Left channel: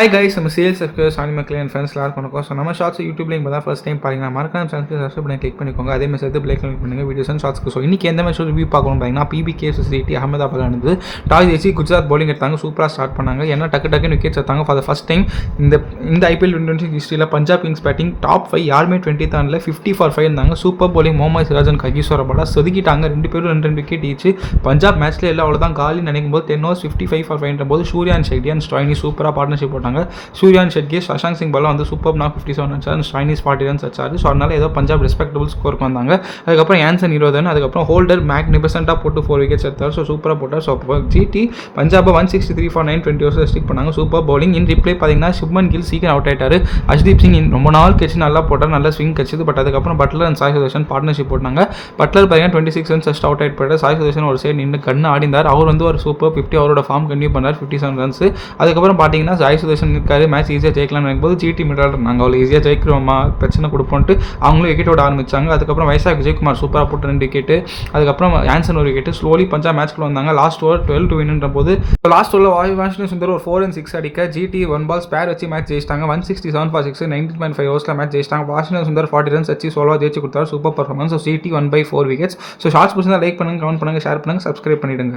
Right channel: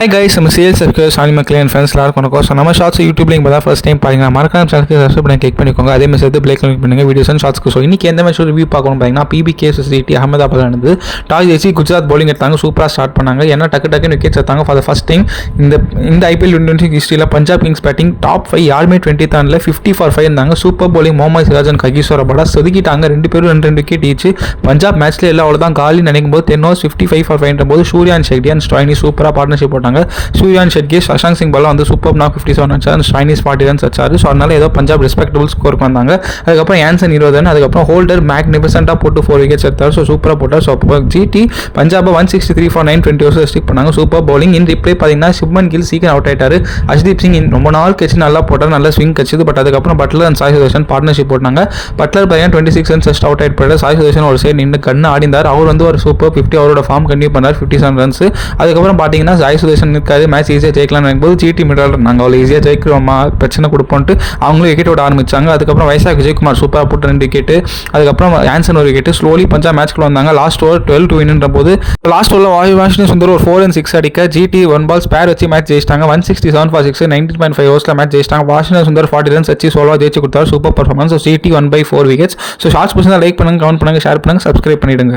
Hi guys, நம்ம sales circle சாலி மக்களே and friends எல்லாரும் வணக்கம். ஸோ நம்ம ஷார்ட்ஸ் யூடியூப்ல இப்போ தான் ஃபர்ஸ்ட் டைம் பாருங்க, மறக்காம சேனலுக்கு சப்ஸ்கிரைப் பண்ணி கிளிக் பண்ணிக்கோங்க. அதே மாதிரி சேர்த்து பிளேக் கிளிக் பண்ணுங்க வீடியோஸ் அண்ட் ஷார்ட்ஸ்க்கு. ஸோ இன்னைக்கு எந்த மேட்ச் ரிவ்யூ பார்க்கணும் பார்த்தீங்கன்னா பிபிகே சிட்டி அகமதாபாத் நடந்து டாஸ் ஜெயிச்சு குஜராத் பவுலிங் எடுத்தாங்க, சூப்பராக ஸ்டார்ட் பண்ணாங்க. ஏன்னா டக்குன்னு விக்கெட்ஸ் எடுத்தாங்க ஃபார் த ஃபர்ஸ்ட் டைம் இந்த ஐபிஎல் 2020 ஹிஸ்ட்ரியில். பஞ்சாப் கிங்ஸ் பேட்டிங் டாப் 5 யாருமே 20 50 for 5 இருந்தாங்க. Super bowling Mohammed Siraj and Kagiso Rabada சொதுக்கிட்டாங்க. ரெண்டு பேரும் ரெண்டு விக்கெட் ஈச்சு. பஞ்சாப் மேட்ச்ல எல்லாம் அவ்வளோதான் காலி நினைக்கும் போது 10 overs 55 for 5 போது சூர்யான் ஷெட்டி அண்ட் ஸ்டாயினி சூப்பராக பார்ட்னர்ஷிப் போட்டாங்க. சூர்யான் ஷெட்கே சஷாங்க் சிங் பாலா வந்து சூப்பர் 57 அடிச்சாரு, ஸ்டாயினிஸ் 40 runs அடிச்சாரு. ஸோ அதனால ஏதோ பஞ்சாப் ரெஸ்பெக்டபிள் ஸ்கோர் வந்தாங்க. அதுக்கப்புறம் ஆன்சன் 20 run, அதுக்கப்புறம் ஹோல்டர் மேக்னிஃபிசென்ட்டாக போட்டு 4 wickets எடுத்தார். ஸோ சூப்பராக போட்டார். ஸோ ஜிடி பஞ்சாபை 163 for 920 overs ஸ்டிக் பண்ணாங்க. Super bowling. இன் ரிப்ளே பார்த்தீங்கன்னா சுப்மன் கில் சீக்கிரம் அவுட் ஆயிட்டாரு. அஷ்தீப் சிங் ரொம்ப நாள் கட்சி நல்லா போட்டார், நல்ல ஸ்விங் கட்சிது. பட் அதுக்கப்புறம் Buttler and Sai Sudharsan partnership போட்டாங்க. பட்லர் பையன் 26 runs ஜஸ்ட் அவுட் ஆயிட்டு போயிட்டார். சாய் சுதர்ஷன் ஒரு சைடு நின்று கண்ணு ஆடிந்தார். அவர் வந்து ஒரு சூப்பர் 50 அவரோட ஃபார்ம் கண்டினியூ பண்ணார், 57 runs. அதுக்கப்புறம் பார்த்தீங்கன்னா சாய் சுதர்ஷன் இருக்காது, மேட்ச் ஈஸியாக ஜெயிக்கலாம்னு நினைக்கும்போது ஜிடி மிடல் நாங்கள் அவ்வளோ ஈஸியாக ஜெயிக்கிறோமா, பிரச்சனை கொடுப்போம்ட்டு அவங்களும் விக்கெட் விட ஆரம்பிச்சாங்க. அதுக்கப்புறம் வைசாக் விஜயகுமார் சூப்பராக போட்டு 2 விக்கெட், அதுக்கப்புறம் ஆன்சன் ஒரு விக்கெட். ஸ்லோலி பஞ்சாப் மேட்ச்க்குள்ள வந்தாங்க. லாஸ்ட் ஓவர் 12 to win போது லாஸ்ட் ஓவரில் வாஷிங்டன் சுந்தர் ஒரு 4 and 6 அடிக்க ஜிடி 1 ball ஸ்பேர் வச்சு மேட்ச் ஜெயிச்சிட்டாங்க. 167 for 6 19.5 overs மேட்ச் ஜெயிச்சிட்டாங்க. வாஷிங்டன் சுந்தர் 40 runs வச்சு சோலோவா ஜெயிச்சு கொடுத்தாரு. Super performance. GT 1/4 wickets. So shorts பிடிச்சா லைக் பண்ணுங்க, கமெண்ட் பண்ணுங்க, ஷேர் பண்ணுங்க, சப்ஸ்கிரைப் பண்ணிடுங்க.